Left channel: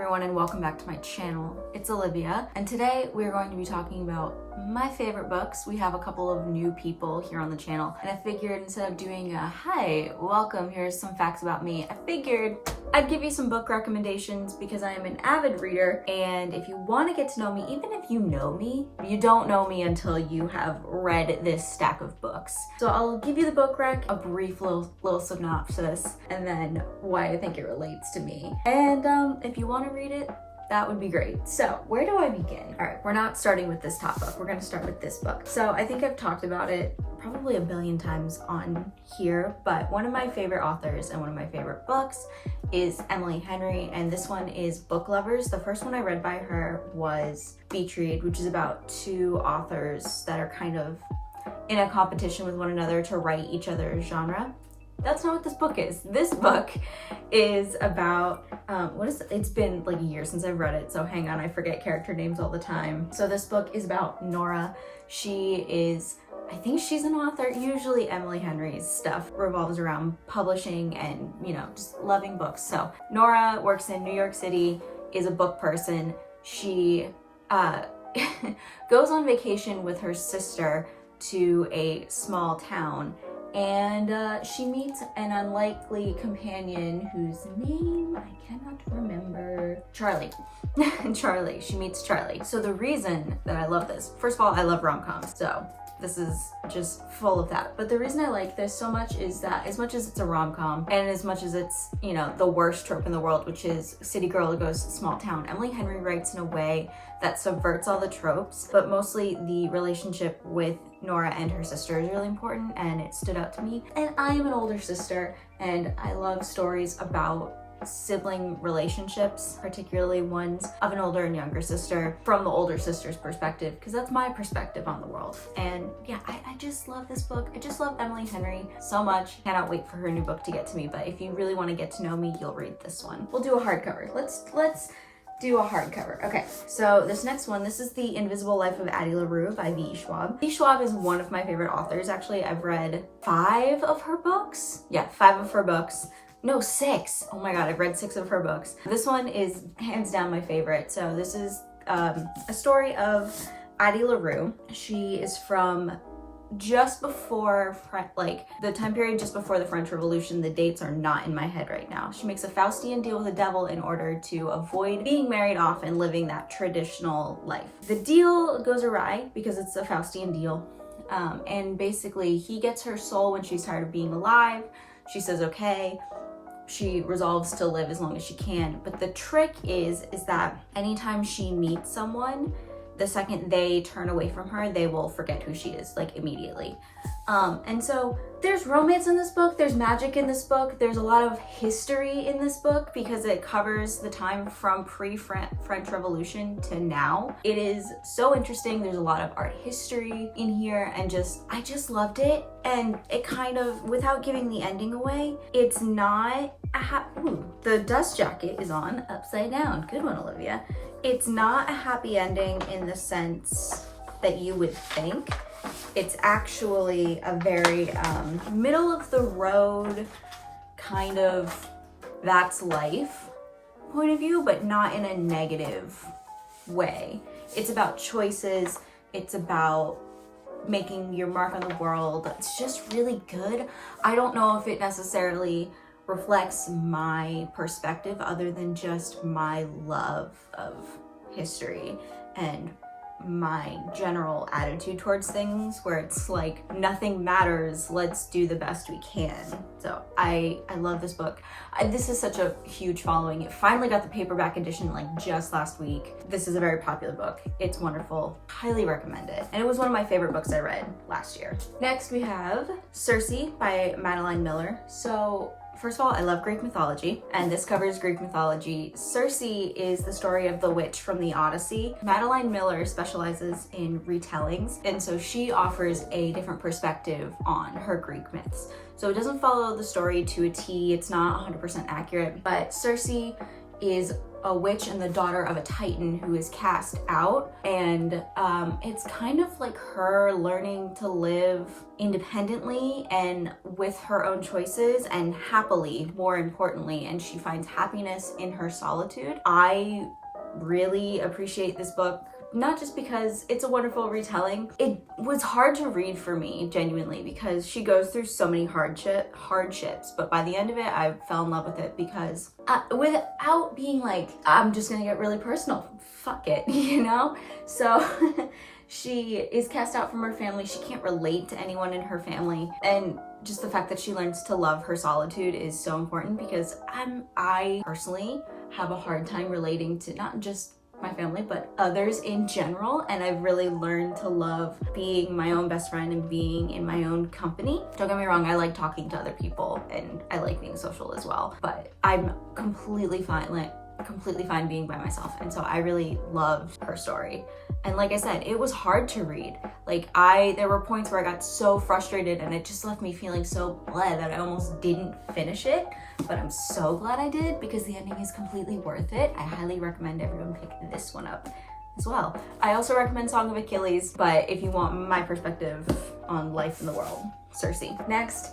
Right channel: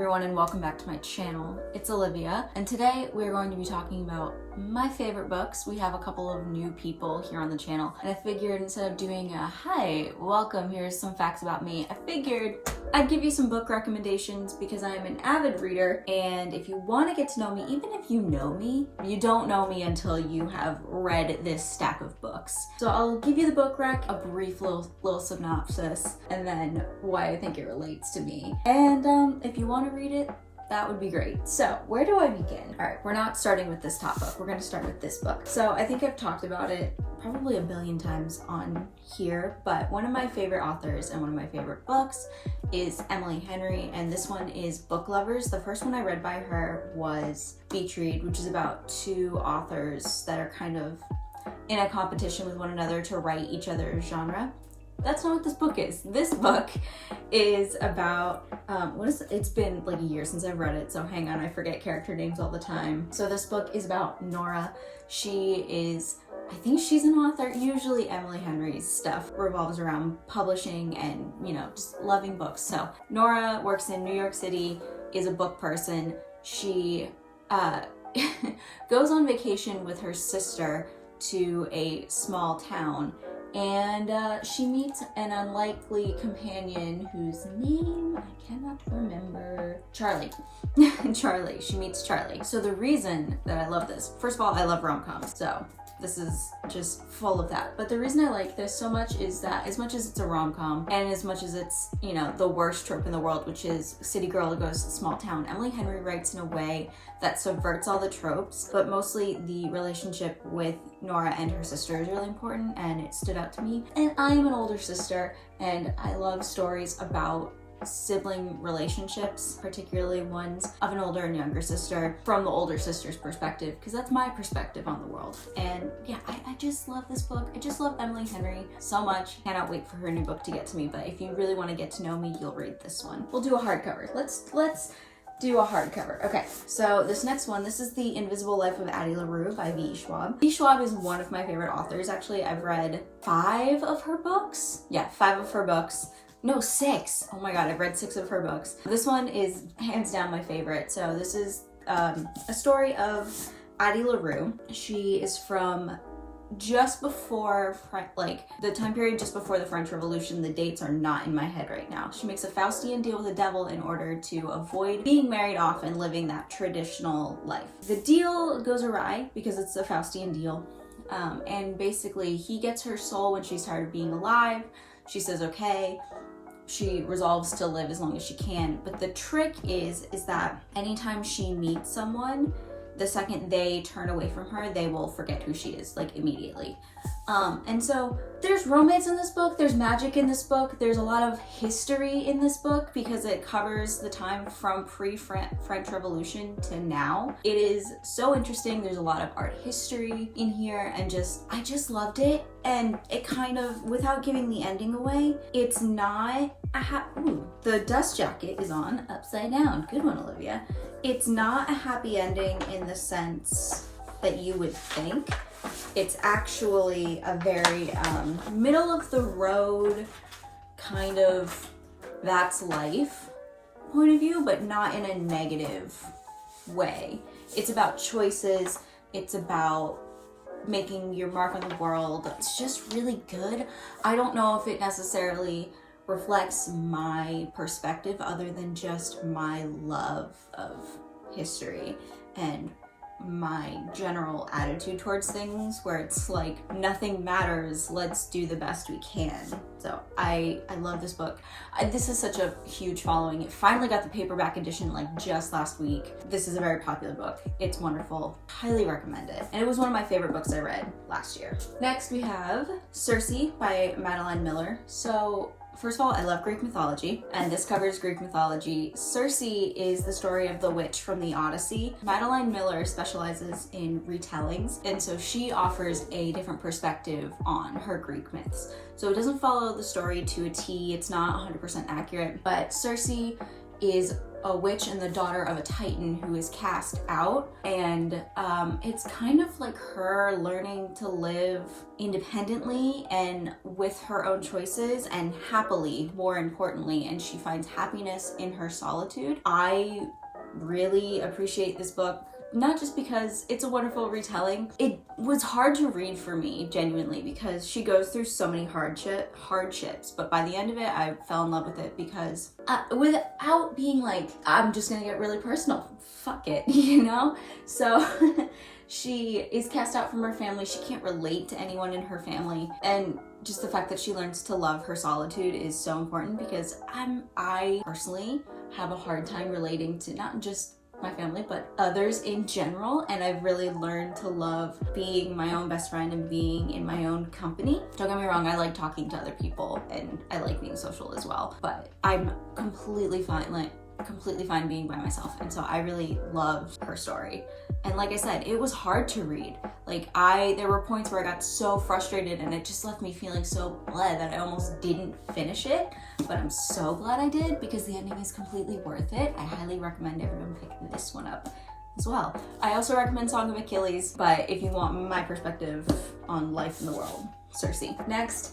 everyone, and welcome back to my channel. It's Olivia, and today we're going to be talking about my favorite books. We have a couple of new people here on the channel, and I figured instead of doing a hi, welcome, here's some facts about me, I figured I'd give you some book recommendations because I am an avid reader, and if you want to get to know me, even if you know me, you don't know me until you have read this stack of books. So I'll give you the book rec, a brief little synopsis, and then why I think it relates to me. And if you want to read it, that would be great. So where do I begin? All right, we're not starting with this top book. We're going to start with this book. So I think I've talked about it probably a billion times on here, but one of my favorite authors and one of my favorite books is Emily Henry, and this one is Book Lovers. The first one I read by her was Beach Read, which is about two authors that are kind of in a competition with one another to write each other's genre. That's not what this book is. This book is about, it's been like a year since I've read it, so hang on, I forget character names all the time. So this book is about Nora. I think she's an author. Usually Emily Henry's stuff revolves around publishing and, just loving books. So Nora works in New York City, is a book person. She goes on vacation with her sister to a small town, and she meets an unlikely companion whose name I cannot remember. Charlie. Charlie. She meets Charlie. So the reason that I love this, first of all, I love rom-coms, so this is just full of that. But the reason I like this so much is that as much as it's a rom-com and as much as it's, the worst trope in the world, which is city girl who goes to small town, Emily Henry writes in a way that subverts all the tropes, but mostly the relationship with Nora and her sister is really important, and it stood out to me. And I am an older sister, and I love stories about sibling relationships, particularly ones of an older and younger sister from the older sister's perspective, because that's my perspective on the world. And yeah, I just love this book. I just love Emily Henry so much. Cannot wait for her new book to get to me, but if you really want to get to know me, you'll read this one. We'll do a hardcover. Let's do a hardcover. Okay, so this next one, this is The Invisible Life of Addie LaRue by V.E. Schwab. V.E. Schwab is one of my favorite authors. Actually, I've read 5 of her books. Yeah, 5 of her books. No, 6. Oh my god, I've read 6 of her books. This one is hands down my favorite. So this is a story of Addie LaRue. She is from just before, the time period just before the French Revolution. The dates are not in my head right now. She makes a Faustian deal with the devil in order to avoid being married off and living that traditional life. The deal goes awry because it's a Faustian deal. And basically he gets her soul when she's tired of being alive. She says, okay. She resolves to live as long as she can. But the trick is that anytime she meets someone, the second they turn away from her, they will forget who she is, immediately. And so there's romance in this book, there's magic in this book, there's a lot of history in this book because it covers the time from pre-French Revolution to now. It is so interesting. There's a lot of art history in here, and I just loved it. And it kind of, without giving the ending away, it's not the dust jacket is on upside down. Good one, Olivia. It's not a happy ending in the sense that you would think. It's actually a very middle of the road kind of that's life point of view, but not in a negative way. It's about choices. It's about making your mark on the world. It's just really good. I don't know if it necessarily reflects my perspective other than just my love of history and my general attitude towards things, where it's nothing matters, let's do the best we can. So I love this book. This is such a huge following. It finally got the paperback edition just last week. This is a very popular book. It's wonderful. Highly recommend it. And it was one of my favorite books I read last year. Next we have Circe by Madeline Miller. So first of all, I love Greek mythology, and this covers Greek mythology. Circe is the story of the witch from the Odyssey. Madeline Miller specializes in retellings, and so she offers a different perspective on her Greek myths. So it doesn't follow the story to a T, it's not 100% accurate, but Circe is a witch and the daughter of a titan who is cast out, and it's kind of like her learning to live independently and with her own choices and happily, more importantly, and she finds happiness in her solitude. I really appreciate this book, not just because it's a wonderful retelling. It was hard to read for me, genuinely, because she goes through so many hardships, but by the end of it, I fell in love with it because without being like, I'm just gonna get really personal, fuck it, you know? So she is cast out from her family. She can't relate to anyone in her family, and just the fact that she learns to love her solitude is so important, because I personally have a hard time relating to not just my family, but others in general, and I've really learned to love being my own best friend and being in my own company. Don't get me wrong, I like talking to other people and I like being social as well, but I'm completely fine being by myself, and so I really loved her story. And like I said, it was hard to read. Like there were points where I got so frustrated and it just left me feeling so bleh that I almost didn't finish it, but I'm so glad I did, because the ending is completely worth it. I highly recommend everyone pick this one up as well. I also recommend Song of Achilles, but if you want my perspective on life in the world, Circe. Next,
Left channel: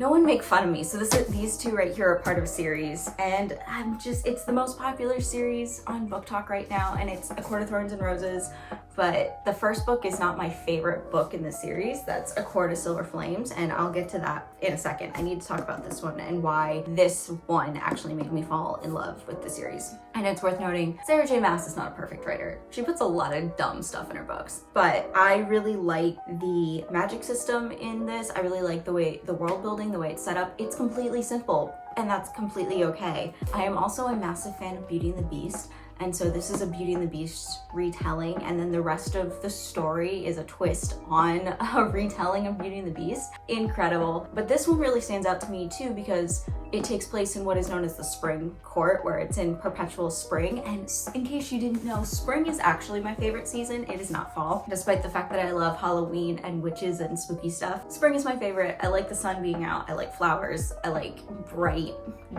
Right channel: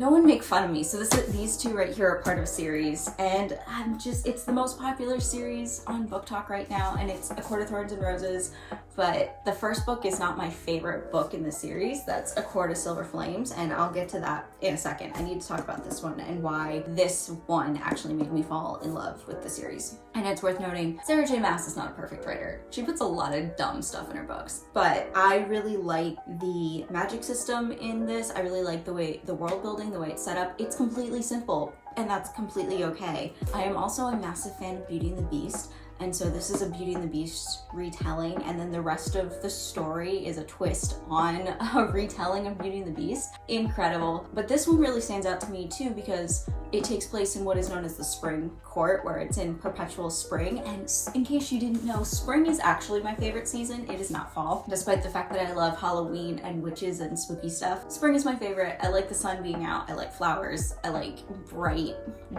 No One Make Fun of Me. So these two right here are part of a series, and it's the most popular series on Book Talk right now, and it's A Court of Thorns and Roses, but the first book is not my favorite book in the series. That's A Court of Silver Flames, and I'll get to that in a second. I need to talk about this one and why this one actually made me fall in love with the series. And it's worth noting, Sarah J. Maas is not a perfect writer. She puts a lot of dumb stuff in her books, but I really like the magic system in this. I really like the way the world building, the way it's set up. It's completely simple, and that's completely okay. I am also a massive fan of Beauty and the Beast, and so this is a Beauty and the Beast retelling, and then the rest of the story is a twist on a retelling of Beauty and the Beast. Incredible. But this one really stands out to me too, because it takes place in what is known as the spring court, where it's in perpetual spring. And in case you didn't know, spring is actually my favorite season. It is not fall, despite the fact that I love Halloween and witches and spooky stuff. Spring is my favorite. I like the sun being out. I like flowers. I like bright,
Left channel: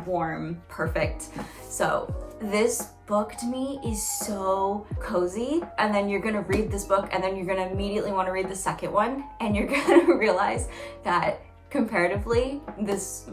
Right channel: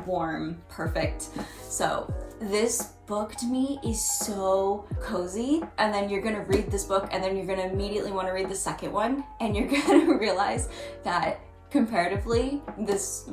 warm, perfect. So this book to me is so cozy, and then you're gonna read this book and then you're gonna immediately want to read the second one, and you're gonna realize that comparatively this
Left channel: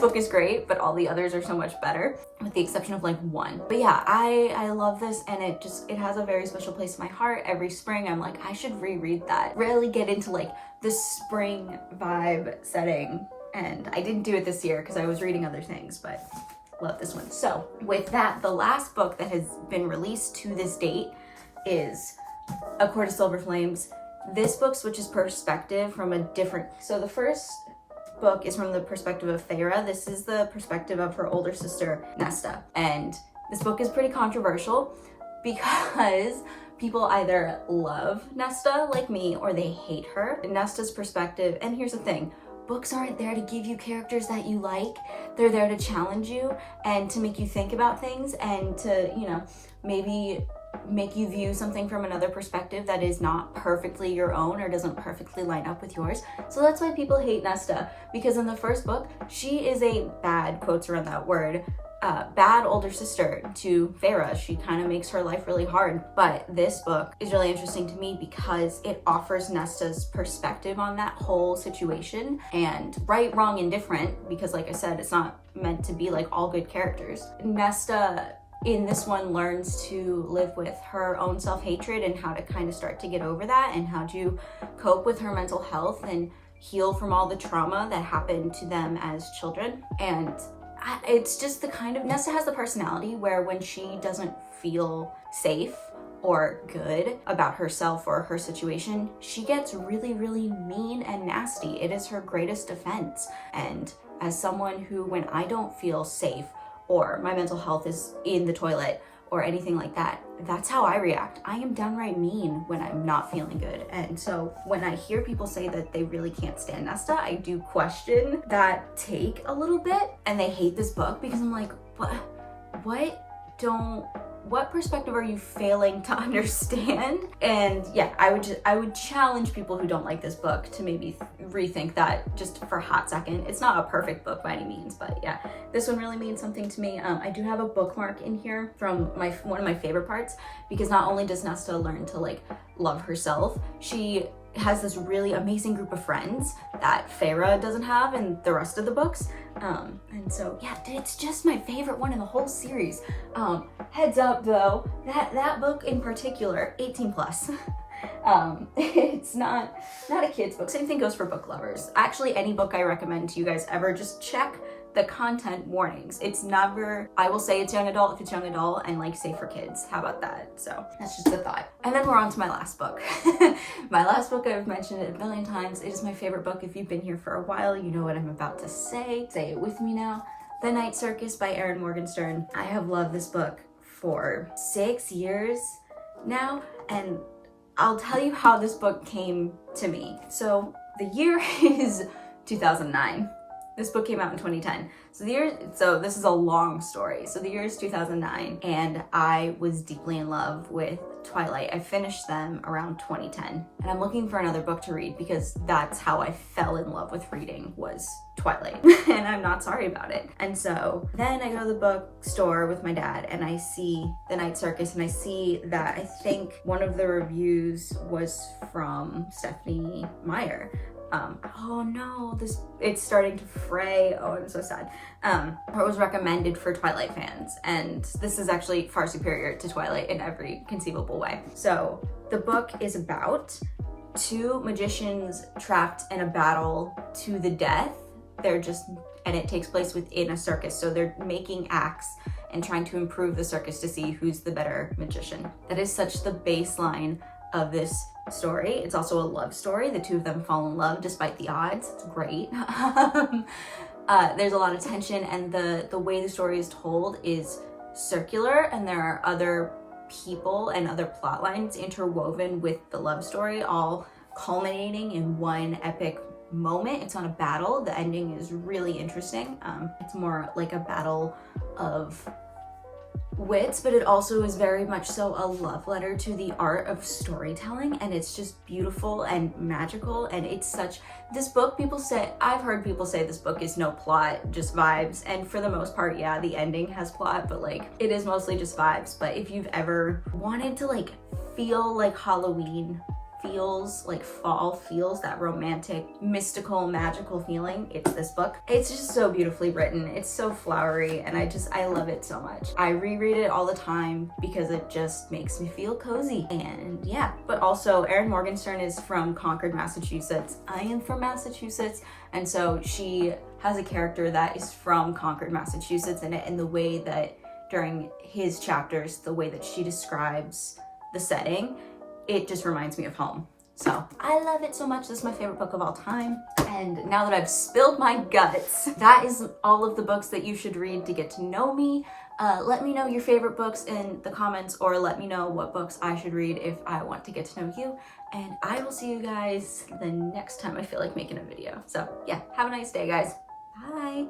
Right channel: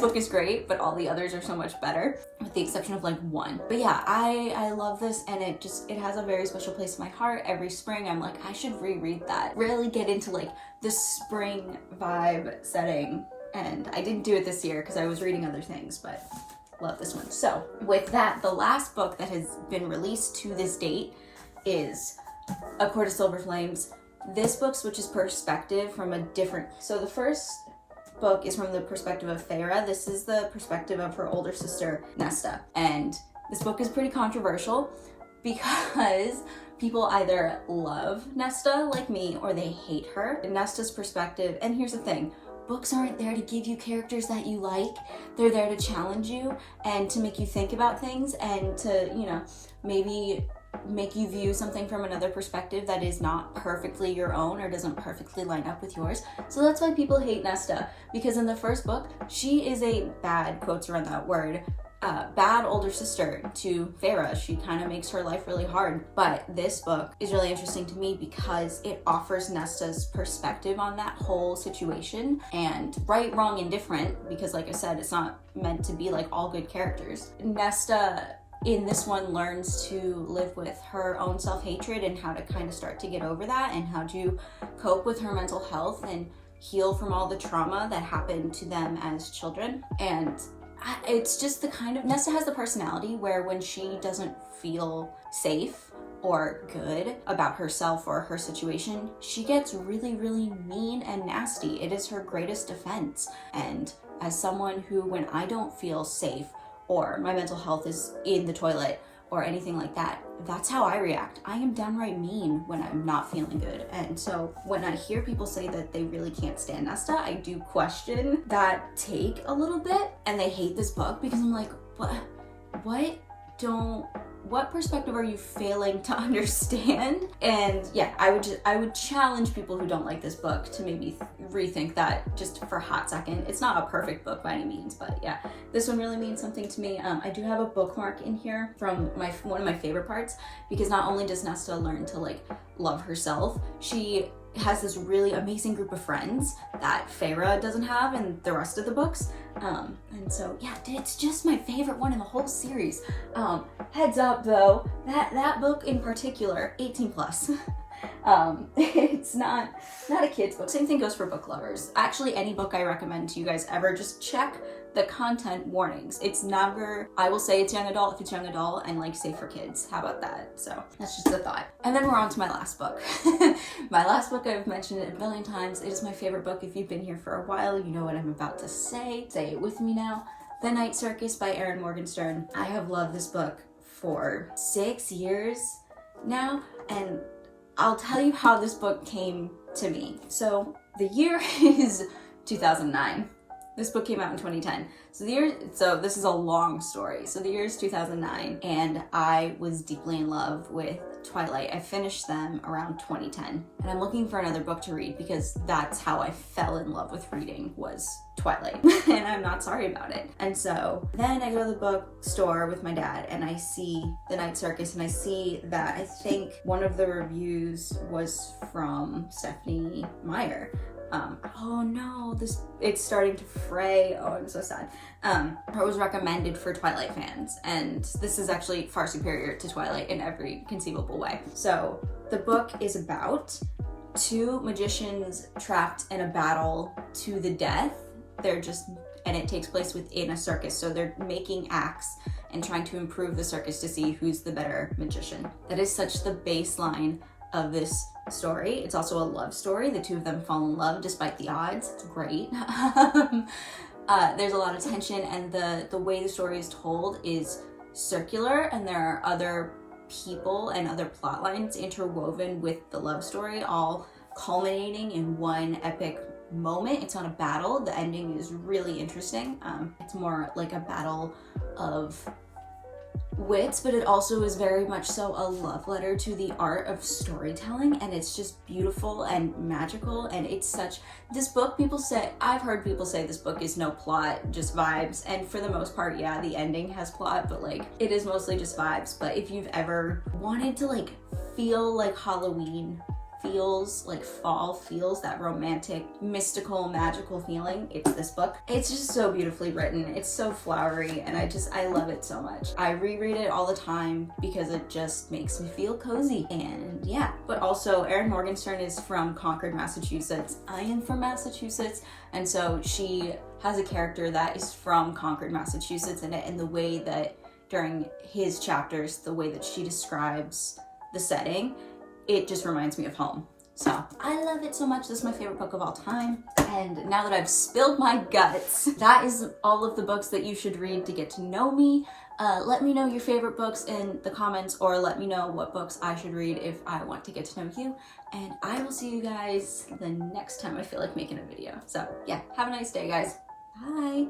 book is great, but all the others are so much better, with the exception of like one. But yeah, I love this, and it has a very special place in my heart. Every spring I'm like, I should reread that. Really get into like the spring vibe setting, and I didn't do it this year because I was reading other things, but love this one. So with that, the last book that has been released to this date is A Court of Silver Flames. This book switches perspective from a different, so the first book is from the perspective of Feyre. This is the perspective of her older sister, Nesta. And this book is pretty controversial because people either love Nesta like me or they hate her. Nesta's perspective, and here's the thing, books aren't there to give you characters that you like. They're there to challenge you and to make you think about things, and to, you know, maybe make you view something from another perspective that is not perfectly your own or doesn't perfectly line up with yours. So that's why people hate Nesta, because in the first book, she is a bad, quotes around that word, bad older sister to Feyre. She kind of makes her life really hard. But this book is really interesting to me because it offers Nesta's perspective on that whole situation, and right, wrong, and different, because like I said, it's not meant to be like all good characters. Nesta in this one learns to live with her own self-hatred and how to kind of start to get over that, and how to cope with her mental health and heal from all the trauma that happened to them as children. And it's just the kind of, Nesta has the personality where when she doesn't feel safe or good about herself or her situation, she gets really, really mean and nasty. It is her greatest defense. And as someone who, when I don't feel safe or my mental health is in the toilet or anything like that, that's how I react. I am downright mean when I'm not feeling good. And so when I hear people say that they really can't stand Nesta, I do question that take a little bit. And they hate this book because I'm like, what don't what perspective are you failing to understand? And yeah, I would challenge people who don't like this book to maybe rethink that just for a hot second. It's not a perfect book by any means, but yeah, this one really means something to me. I do have a bookmark in here from one of my favorite parts, because not only does Nesta learn to like love herself, she has this really amazing group of friends that Feyre doesn't have in the rest of the books. And so yeah, it's just my favorite one in the whole series. Heads up though, that book in particular, 18 plus. It's not a kid's book. Same thing goes for book lovers. Actually, any book I recommend to you guys ever, just check the content warnings. It's never, I will say it's young adult if it's young adult, and like safe for kids. How about that? So that's just a thought. And then we're on to my last book. My last book, I've mentioned it a million times. It is my favorite book. If you've been here for a while, you know what I'm about to say. Say it with me now. The Night Circus by Erin Morgenstern. I have loved this book for 6 years now, and I'll tell you how this book came to me. So the year is 2009. This book came out in 2010. So this is a long story. So the year is 2009, and I was deeply in love with Twilight. I finished them around 2010, and I'm looking for another book to read because that's how I fell in love with reading, was Twilight. And I'm not sorry about it. And so then I go to the bookstore with my dad, and I see The Night Circus, and I see that I think one of the reviews was from Stephanie Meyer. Oh no, it's starting to fray. Oh, I'm so sad. It was recommended for Twilight fans, and this is actually far superior to Twilight in every conceivable way. So the book is about two magicians trapped in a battle to the death. And it takes place within a circus. So they're making acts and trying to improve the circus to see who's the better magician. That is such the baseline of this story. It's also a love story. The two of them fall in love despite the odds. It's great. There's a lot of tension, and the way the story is told is circular, and there are other people and other plot lines interwoven with the love story, all culminating in one epic moment. It's not a battle. The ending is really interesting. It's more like a battle of wits, but it also is very much so a love letter to the art of storytelling, and it's just beautiful and magical. And it's such, this book, I've heard people say this book is no plot, just vibes, and for the most part, yeah, the ending has plot, but like it is mostly just vibes. But if you've ever wanted to like feel like Halloween feels, like fall feels, that romantic, mystical, magical feeling, it's this book. It's just so beautifully written. It's so flowery, and I love it so much. I reread it all the time because it just makes me feel cozy. And yeah, but also Erin Morgenstern is from Concord, Massachusetts. I am from Massachusetts, and so she has a character that is from Concord, Massachusetts in it, and the way that during his chapters, the way that she describes the setting, it just reminds me of home. So I love it so much. This is my favorite book of all time. And now that I've spilled my guts, that is all of the books that you should read to get to know me. Let me know your favorite books in the comments, or let me know what books I should read if I want to get to know you. And I will see you guys the next time I feel like making a video. So yeah, have a nice day, guys. Bye.